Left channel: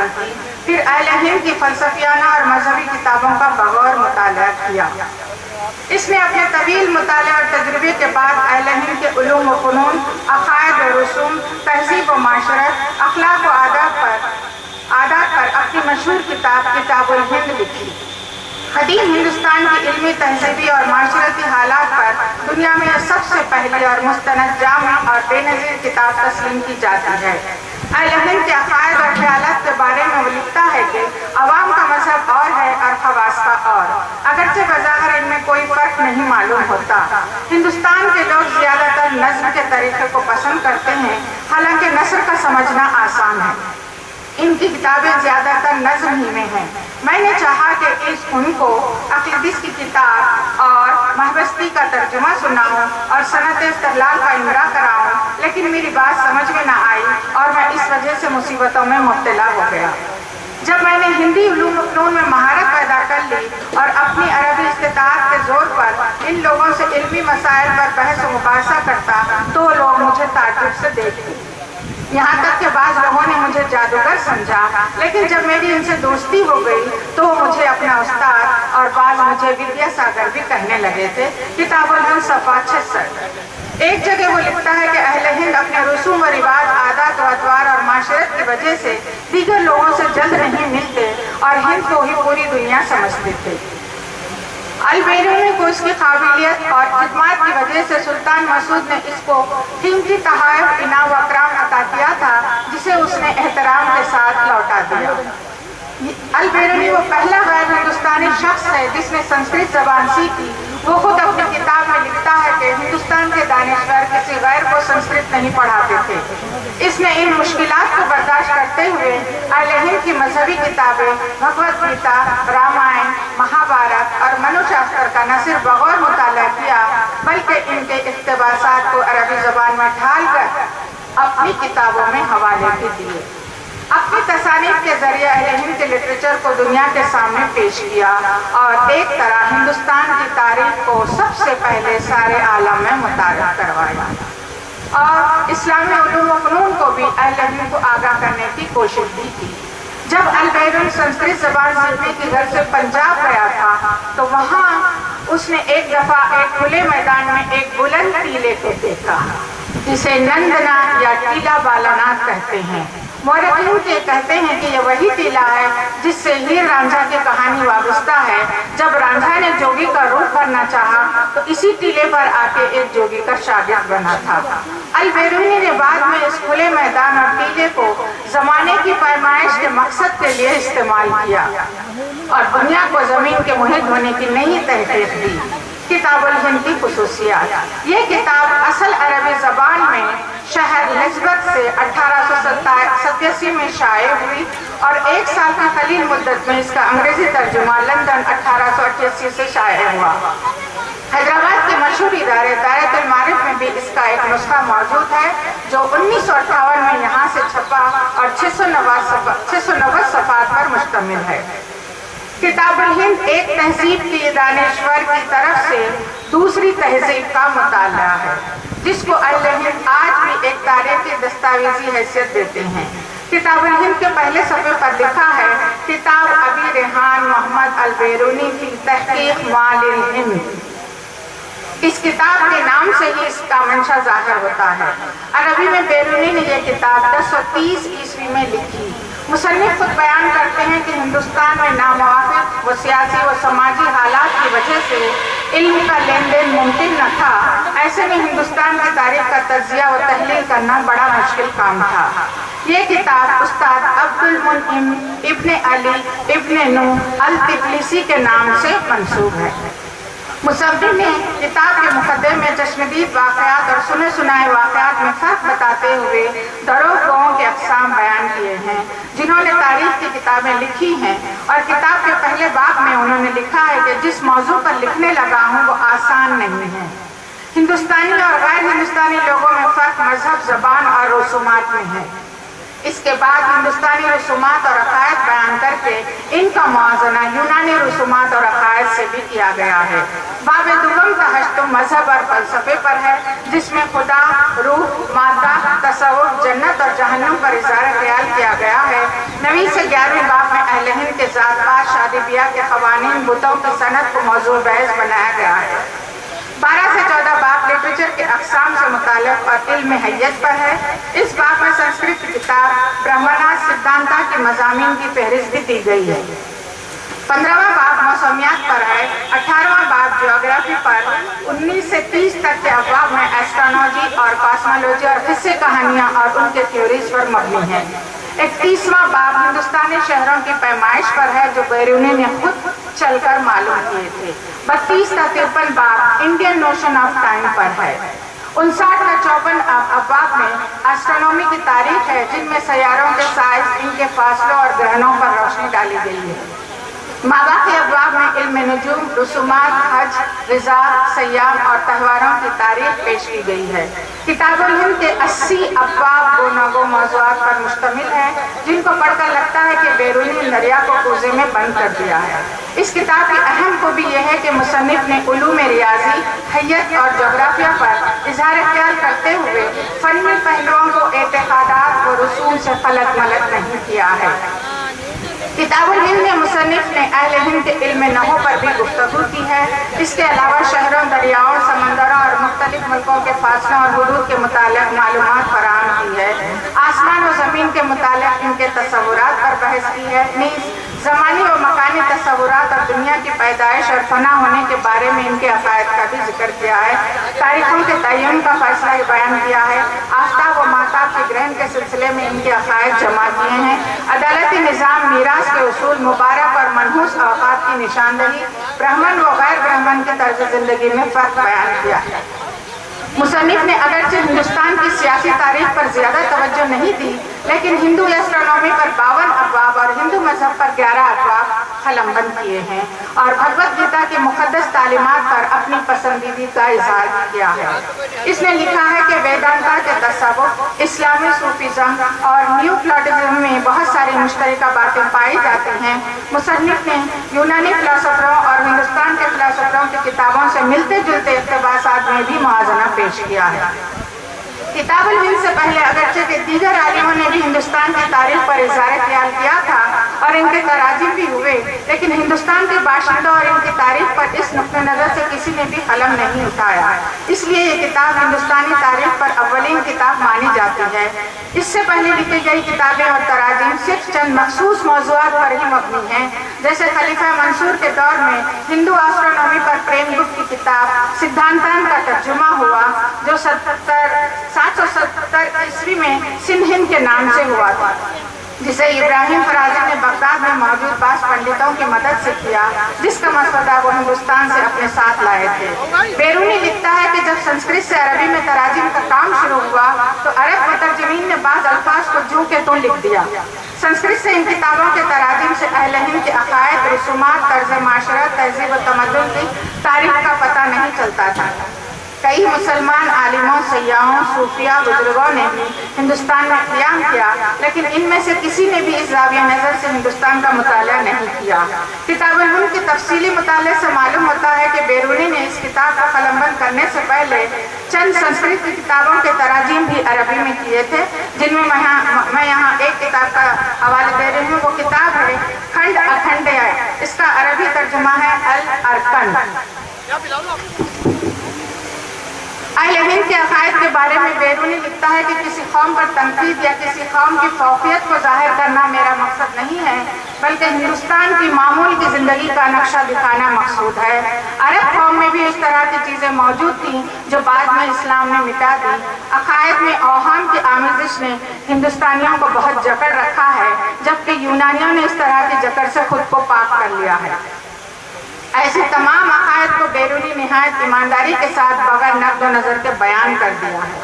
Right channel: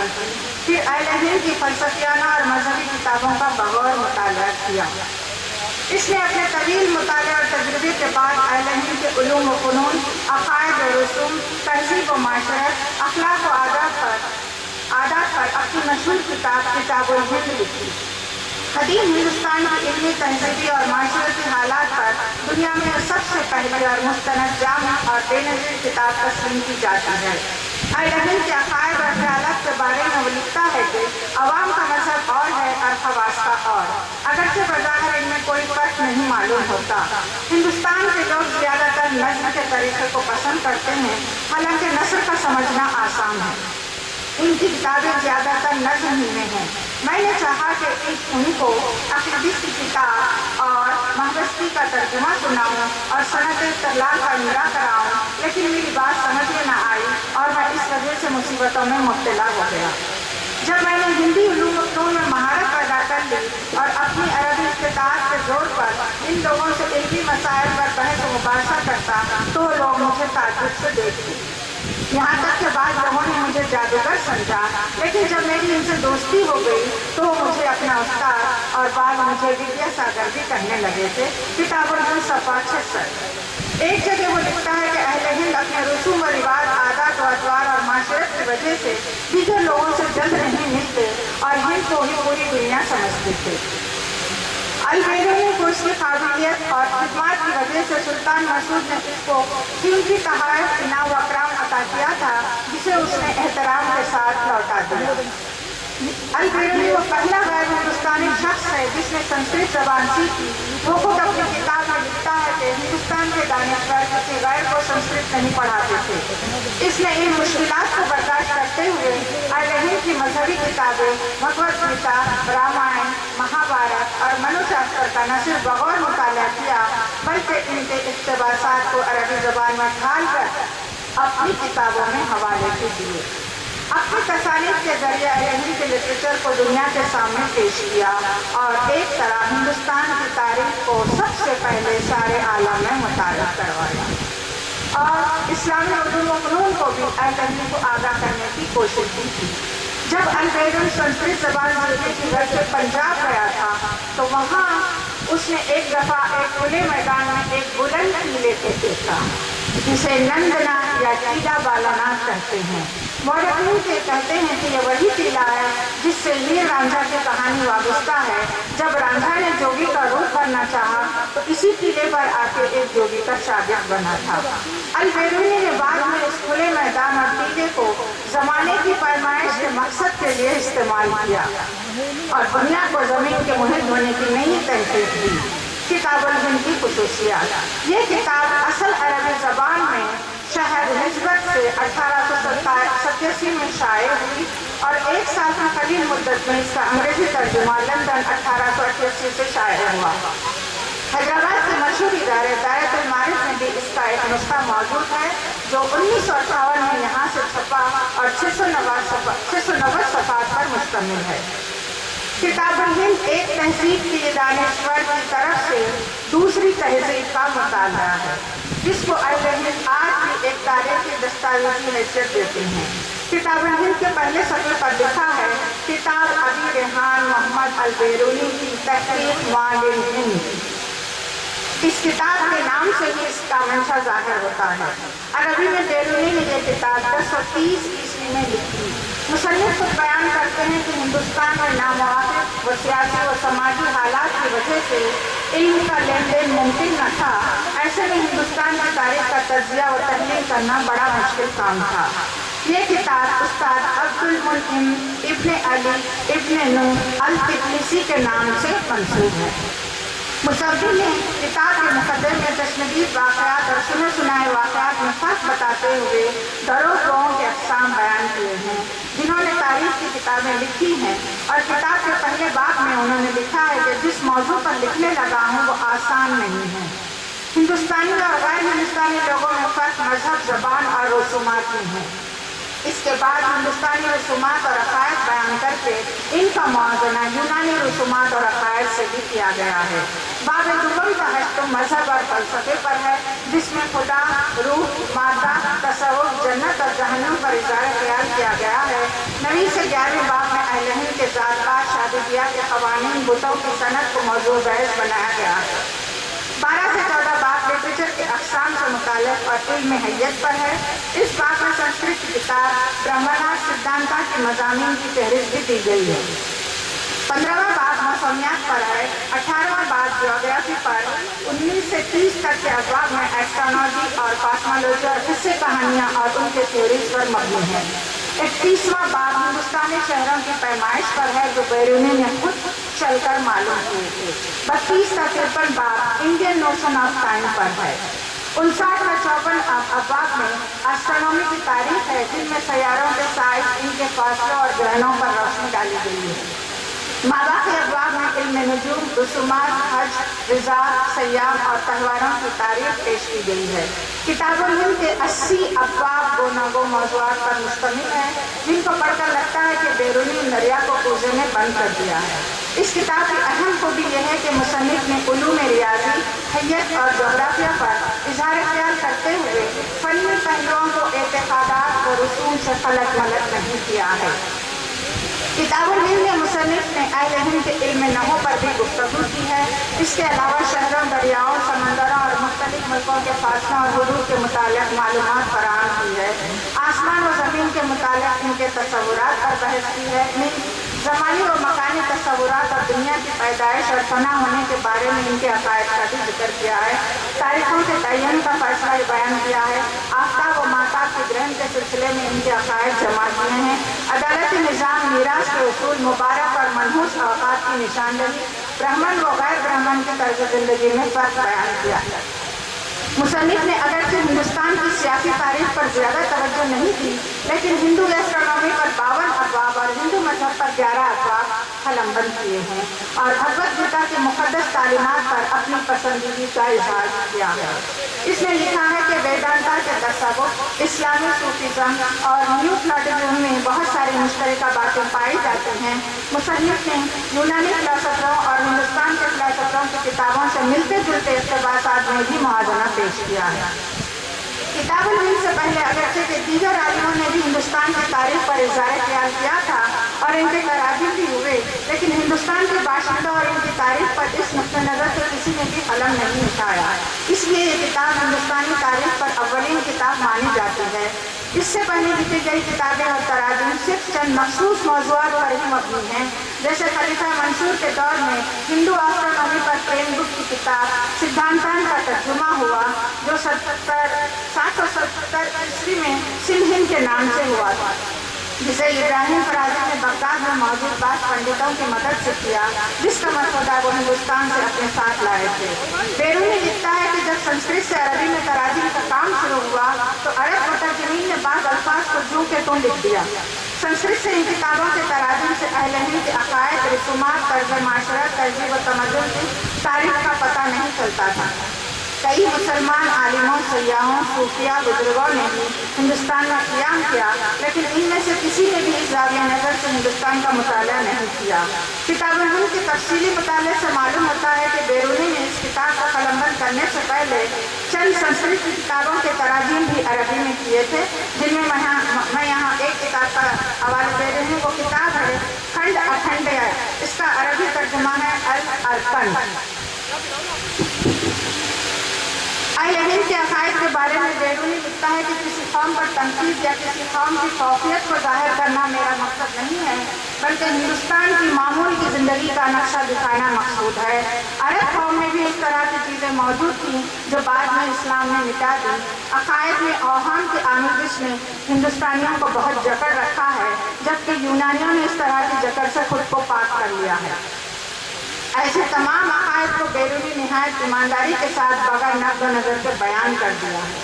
حاصل کی، پھر اہل ہند کی فلسفیانہ اور مذہبی کتابوں کا بغور مطالعہ کیا۔ اس نے اپنے طویل مطالعے اور تجربے کے بعد اہل ہند کے علوم و فنون، عقائد و رسوم، تہذیب و معاشرت، اخلاق و عادات پر اپنی مشہور کتاب الہند لکھی۔ قدیم ہندوستان کی علمی، تہذیبی اور معاشرتی حالات پر دنیا میں سب سے پہلی اور مستند، جامع اور بے نظیر کتاب تسلیم کی جاتی ہے۔ اہل ہند کے عقائد اور خیالات کے بارے میں وہ لکھتا ہے کہ عوام کا مذہب اور ہے اور خواص کا اور، اگرچہ بظاہر ان میں کوئی فرق نہیں معلوم ہوتا۔ ہندوستان کے لوگ زیادہ تر نظم کے طریقے کو پسند کرتے ہیں، حالانکہ نثر کا سمجھنا آسان ہے۔ ان کی کتابیں زیادہ تر نظم ہی میں ہیں۔ میں نے چاہا کہ ان کو اقلیدس کی کتاب اور مہابستی کا ترجمہ سناؤں اور صنعت استدلال کا امرا کراؤں، لیکن میری بات سمجھ میں نہ آئی اور میں اس وجہ سے مصیبتوں میں مبتلا ہو گیا۔ جب میں نے ہندی علوم و فنون میں مہارت پیدا کر لی اور اپنی عربی استطاعت کے زور پر ان لوگوں سے علمی مسائل پر بحث و مباحثہ کرتا تو لوگ مجھے تعجب سے دیکھتے، یہاں تک کہ بعض لوگوں نے مجھے جادوگر سمجھا، لیکن جب میری ان سے دوستی ہو گئی تو وہ مجھے اپنا استاد اور بعض مجھے ودیا ساگر بھی کہنے لگے تھے۔ کتاب الہند صفحہ 66۔ ایک جگہ وہ لکھتا ہے کہ اہل ہند اپنے رسوم و رواج، عادات و اطوار اور معاشرت کی وجہ سے دیگر لوگوں سے جلد نہیں ملتے اور ہند کو ہی پوری دنیا سمجھتے تھے۔ البیرونی کو اس کی قابلیت اور خدمات کی وجہ سے سلطان مسعود نے اس کو قیمتی تحائف، انعام و اکرام عطا کیا تھا، جسے اس نے احترام کے ساتھ لوٹا دیا۔ البیرونی وہ پہلا غیر ہندوستانی شخص ہے جس نے سنسکرت زبان سیکھی۔ وہ خود اپنی کتاب میں لکھتا ہے کہ ہندوستان کے دانشور کسی غیر کو سنسکرت نہیں پڑھاتے تھے۔ اس نے ان مشکلات کو برداشت کرتے ہوئے اہل ہند کی مذہبی کتابیں بھگوت گیتا، رامائن، مہابھارت اور منو شاستر کا نہ صرف بغور مطالعہ کیا بلکہ ان کے اقتباسات کو عربی زبان میں ڈھال کر اپنی کتابوں میں حوالے بھی دیے۔ اپنی تصانیف کے ذریعے اہل ہند کے لٹریچر کو دنیا کے سامنے پیش کیا اور ایک طرح ہندوستان کی تاریخ کو سب سے پہلے سارے عالم میں متعارف کروایا اور اسلامی علوم و فنون کو بھی اہل ہند کو آگاہ کرنے کی کوشش بھی کی۔ جب البیرونی سنسکرت زبان سیکھنے کی غرض سے پنجاب گیا تھا تو وہاں اس نے ایک دفعہ ایک کھلے میدان میں ایک بلند ٹیلے کو دیکھا جسے نندنا یا ٹیلا بالاناتھ کہتے ہیں۔ مورخین کہتے ہیں کہ یہ وہی ٹیلا ہے جس سے ہیر رانجھا کی کہانی وابستہ ہے۔ جب رانجھا نے جوگی کا روپ کرنا چاہا تو اسی ٹیلے پر آ کے ایک جوگی کا شاگرد بنا تھا۔ البیرونی نے بعد میں اس کھلے میدان اور ٹیلے کو زمانے کی پیمائش کے مقصد کے لیے استعمال کیا اور دنیا کو زمین کے محیط ہونے کی نئی تحقیق دی۔ کتاب الہند کی خصوصیات۔ یہ کتاب اصل عربی زبان میں شہر نسبت سے 1887 میں شائع ہوئی اور ایک سال کی قلیل مدت میں اس کا انگریزی ترجمہ لندن 1888 سے شائع ہوا۔ حیدرآباد کے مشہور ادارے دائرۃ المعارف میں بھی اس کا ایک نسخہ موجود ہے جو 1958 میں یہاں سے چھپا اور 690 صفحات پر مشتمل ہے۔ کتاب الہند ایک تہذیب کی دانشور کی طرف سے دوسری تہذیب کا مطالعہ ہے جس کو اہل ہند آج بھی ایک تاریخی دستاویزی حیثیت دیتے ہیں۔ کتاب الہند کے پہلے صفحے پر لکھا ہے، کتاب ابی ریحان محمد البیرونی کی تحقیق مال الہند۔ اس کتاب کے نام سے ہی اس کا منشا ظاہر ہوتا ہے۔ عربی میں بیرونی نے یہ کتاب 1030 عیسوی میں لکھی۔ مصنف خود بیان کرتے ہیں کہ ہندوستان میں ناموافق و سیاسی و سماجی حالات کی وجہ سے علم کا لین دین ممکن نہ تھا۔ ایسے میں ہندوستان کی تاریخ کا تجزیہ و تحلیل کرنا بڑا مشکل کام تھا۔ یہ کتاب استاد عبد المنعم ابن علی ابن نوح التبلسی کے نام سے منسوب ہے۔ مصنف نے کتاب کے مقدمے میں چشمدید واقعات اور سنے سنائے واقعات میں فرق بتاتے ہوئے دروگوں کے اقسام بیان کیے ہیں جنہوں نے تاریخ کی کتابیں لکھی ہیں، اور کتاب کے پہلے باب میں انہوں نے لکھا ہے کہ جس موضوع پر لکھنے لگا ہوں وہ آسان نہیں ہے۔ ہندوستانی اور غیر ہندوستانی لوگوں میں فرق مذہب، زبان اور رسومات میں ہے۔ اس کے بعد ہندوستانی رسومات اور عقائد بیان کر کے ان کا موازنہ یونانی رسومات اور عقائد سے بھی کیا گیا ہے۔ باب دوم کا ہشت مذہب اور فلسفے پر ہے، جس میں خدا، روح، مادہ، تصوف، جنت اور جہنم پر اظہار خیال کیا گیا ہے۔ 9ویں سے 11ویں باب میں اہل ہند کے ذات پات، شادی بیاہ کے قوانین، بتوں کی صنعت کو موضوع بحث بنایا گیا ہے۔ 12 سے 14 باب لٹریچر کے اقسام سے متعلق اور علم حیت پر ہے۔ اس باب میں سنسکرت کی کتاب برہمنا سدھانتا کے مضامین کی فہرست بھی دی گئی ہے۔ 15واں باب موسمیات پر ہے۔ 18واں باب جیوگرافی پر۔ 19 سے 30 تک کے ابواب میں ایسٹرونومی اور کاسمولوجی اور قصے کہانیاں اور ان کے تھیوریز پر مبنی ہے۔ 31واں باب ہندوستانی شہروں کی پیمائش پر ہے، جو بیرونی نے خود چل کر معلوم ہوئے تھے۔ 32 تا 53 باب انڈین نوشن آف ٹائم پر ہے۔ 59 تا 54 ابواب میں ایسٹرونومی کی تاریخ ہے، جن میں سیاروں کے سائز، ان کے فاصلوں اور گرہنوں پر روشنی ڈالی گئی ہے۔ ماباقی ابواب میں علم نجوم، رسومات، حج، غذا، سیام اور تہواروں کی تاریخ پیش کی گئی ہے۔ کتاب الہند کے 80 ابواب گوناگو موضوعات پر مشتمل ہیں، جن کو پڑھ کر لگتا ہے کہ بیرونی دریا کو کوزے میں بند کر دیا ہے۔ اس کتاب کی اہم خوبی یہ ہے کہ مصنف نے علوم ریاضی، حیت اور جغرافیہ پر اظہار خیال کرتے ہوئے فنی پہلوؤں کو اعتقادات و رسوم سے خلط ملط نہیں کیا ہے۔ کتاب الہند میں مصنف نے اہل ہند کے علم نحو پر بھی گفتگو کی ہے۔ اس کے علاوہ شہروں، دریاؤں، سمندروں اور مختلف ملکوں کے فاصلوں اور حدود کے متعلق معلومات فراہم کی ہے۔ آسمان و زمین کے متعلق ان کے تصورات پر بحث کی ہے۔ نیز زمانی و مکانی تصورات اور دنیا کی پیدائش اور فنا ہونے کے بارے میں ان کے عقائد کا بھی ذکر کیا ہے۔ تاریخوں کے تعین کا فیصلہ بیان کیا ہے۔ آفتاب و ماہتاب کے گرہن کے سلسلے میں ان کے عقائد جمع کیے ہیں۔ عدالتی نظام، میراث کے اصول، مبارک اور منحوس اوقات کی نشاندہی، برہمن و غیر برہمن کی طرز زندگی میں فرق بیان کیا ہے۔ مصنف نے اگرچہ ہندوستان کی سیاسی تاریخ پر زیادہ توجہ نہیں دی، لیکن ہندو ایسٹرونومی پر 52 ابواب اور ہندو مذہب پر 11 ابواب قلم بند کیے ہیں، اور بھگوت گیتا کی مقدس تعلیمات پر اپنی پسندیدگی کا اظہار کیا ہے۔ اس نے لکھا ہے کہ ویدانتا کے تصوف، اسلامی صوفیزم اور نیو پلاٹزم میں بہت ساری مشترکہ باتیں پائی جاتی ہیں۔ مصنف نے یونانی فلسفوں اور ہندوستان کے فلسفوں کی کتابوں سے ملتے جلتے اقتباسات میں بھی موازنہ پیش کیا ہے۔ کتاب الہند سے پہلے اگرچہ کہ دیگر عالموں نے بھی ہندوستان کی تاریخ پر اظہار خیال کیا تھا اور ان کے تراجم بھی ہوئے، لیکن ہندوستان کے باشندوں اور ان کی تاریخ پر اس نقطہ نظر سے کسی نے بھی قلم نہیں اٹھایا۔ اس لیے یہ کتاب ہندوستانی تاریخ پر اولین کتاب مانی جاتی ہے۔ اس سے پہلے لکھی گئی کتابیں اور تراجم صرف چند مخصوص موضوعات پر ہی مبنی ہیں، جیسے خلیفہ منصور کے دور میں ہندو ایسٹرونومی پر پریم گپت کی کتاب سدھانتان کا ترجمہ ہوا، جو 770 عیسوی میں سندھ ہند کے نام سے ہوا تھا، جسے ابراہیم فرازی نے بغداد میں موجود بعض پنڈتوں کی مدد سے کیا، جس کا مسودہ وہ ہندوستان سے اپنے ساتھ لائے تھے۔ بیرونی لکھتا ہے کہ جب سنسکرت سے عربی میں تراجم کا کام شروع ہوا تو عرب مترجمین نے بعض الفاظ کو جوں کے توں لکھ دیا۔ سنسکرت سے ان کتابوں کے تراجم سے اہل ہند کے عقائد، رسومات، طرز معاشرت، تہذیب و تمدن کی تاریخ کا پتہ نہیں چلتا تھا۔ کئی مسلمان عالموں، سیاحوں، صوفیہ بزرگوں نے بھی ہندوستان میں قیام کیا، لیکن ان میں سے کسی نے بھی اس زاویہ نظر سے ہندوستان کا مطالعہ نہیں کیا۔ کتاب الہند کے تفصیلی مطالعے سے معلوم ہوتا ہے کہ بیرونی نے اس کتاب کو قلمبند کرنے سے پہلے چند سنسکرت کی کتابوں کے تراجم بھی عربی میں کیے تھے، جن میں میں یہاں ایک کتاب کا حوالہ دے رہی ہوں۔ وہ کتاب ہے کھنڈ اکھنڈیہ، اس کا عربی ترجمہ ہے الارکن۔ اہل ہند کے عقائد کے بارے میں بیرونی لکھتا ہے کہ کسی قوم پر تنقید یا کسی قوم کی فوقیت کو ظاہر کرنا میرا مقصد نہیں ہے، بلکہ ہندوستان کی معمول کی زندگی کا نقشہ دکھانا مقصود ہے۔ عرب قوم میں بھی اس طرح کی چیزیں موجود تھیں جو بعد میں اسلام نے مٹا دی۔ عقائد میں اوہام کی آمیزش نے ہندوستانیوں کو بہت جکڑ رکھا ہے، جبکہ یونانیوں نے اس طرح کی جکڑ سے خود کو پاک کر لیا ہے۔ ایسے تمام عقائد کو بیرونی نہایت ایمانداری کے ساتھ بغیر نقد و نظر کے بیان کر دیا ہے۔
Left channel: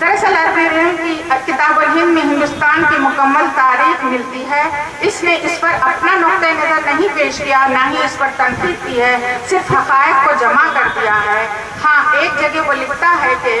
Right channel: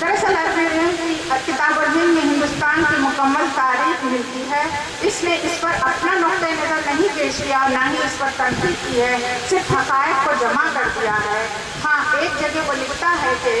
دراصل اربعین کی کتاب الہند میں ہندوستان کی مکمل تاریخ ملتی ہے۔ اس نے اس پر اپنا نقطہ نظر نہیں پیش کیا، نہ ہی اس پر تنقید کی ہے، صرف حقائق کو جمع کر دیا ہے۔ ہاں، ایک جگہ وہ لکھتا ہے کہ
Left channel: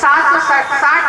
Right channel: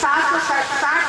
760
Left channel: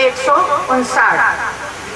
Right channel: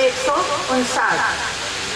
159।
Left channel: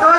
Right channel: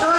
2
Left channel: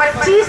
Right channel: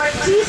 25